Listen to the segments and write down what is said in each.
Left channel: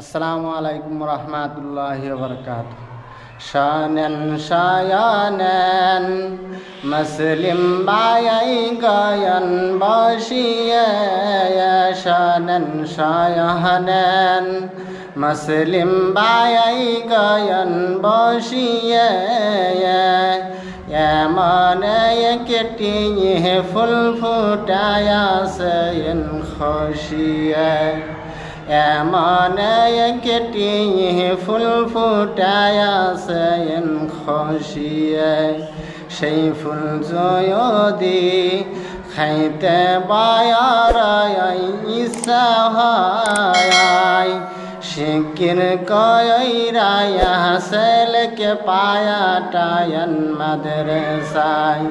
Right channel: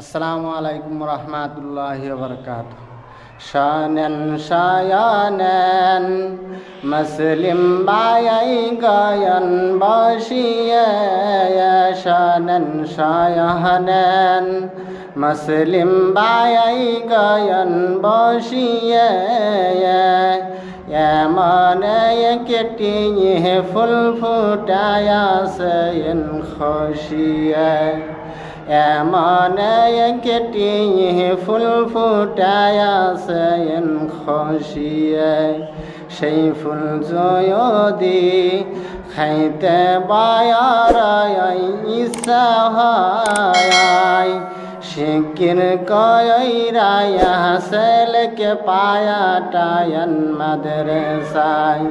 আসসালামু আলাইকুম রহমতুল্লাহি ওয়া বারাকাতুহু। শানান শায়ানান মুসলিম বায়াই গায়ান বশিয়ে, শানান শায়ানান মুসলিম বায়াই গায়ান বশিয়ে, এমন একটি ফুল ফুটায়া সেন খুশিয়ে, এমন একটি ফুল ফুটায়া সেন খুশিয়ে, সেই ফুল যদি খাইতে বায়ার ইচ্ছা হয়, শিকির কইরায়া সেলকে পায়াটায়ন মাদ্রাসায়,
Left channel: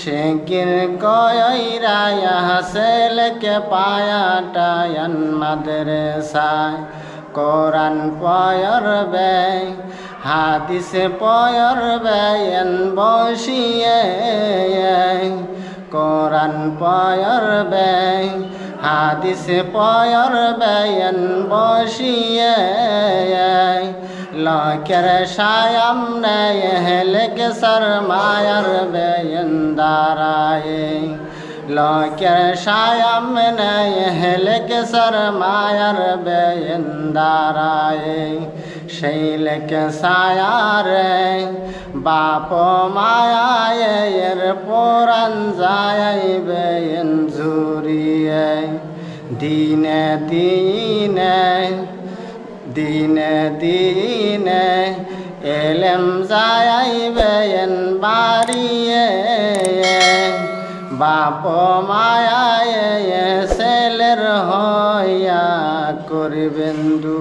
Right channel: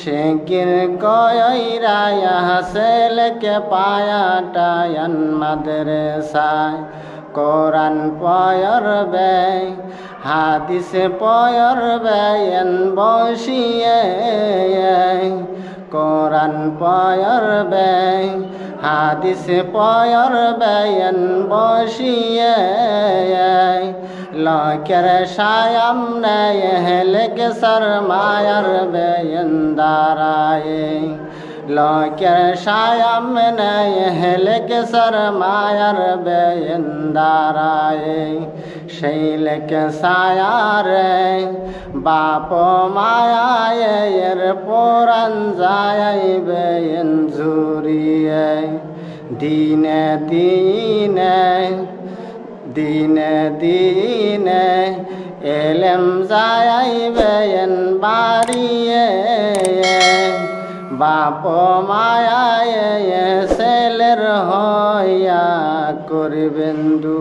শিকির কইরায়া সেলকে পায়াটায়ন মাদ্রাসায়। কোরআন পড়বে হাদিস পড়বে বসিয়ে, কোরআন পড়বে হাদিস পড়বে বসিয়ে, লোকের সামনে হেলেকে শরমায়ার বেন দাঁড়ায়, লোকের সামনে হেলেকে শরমায়ার বেন দাঁড়ায়। সেই লেকে সায়ারে বাপ মায়ের পুরাণ যাইবে ঝুরিয়ে, দিনে দিনে দিনে দিনে এলেম যাইবে বাড়িয়ে, বাপ মায়ায় ছেলের হইয়া করবেন দু।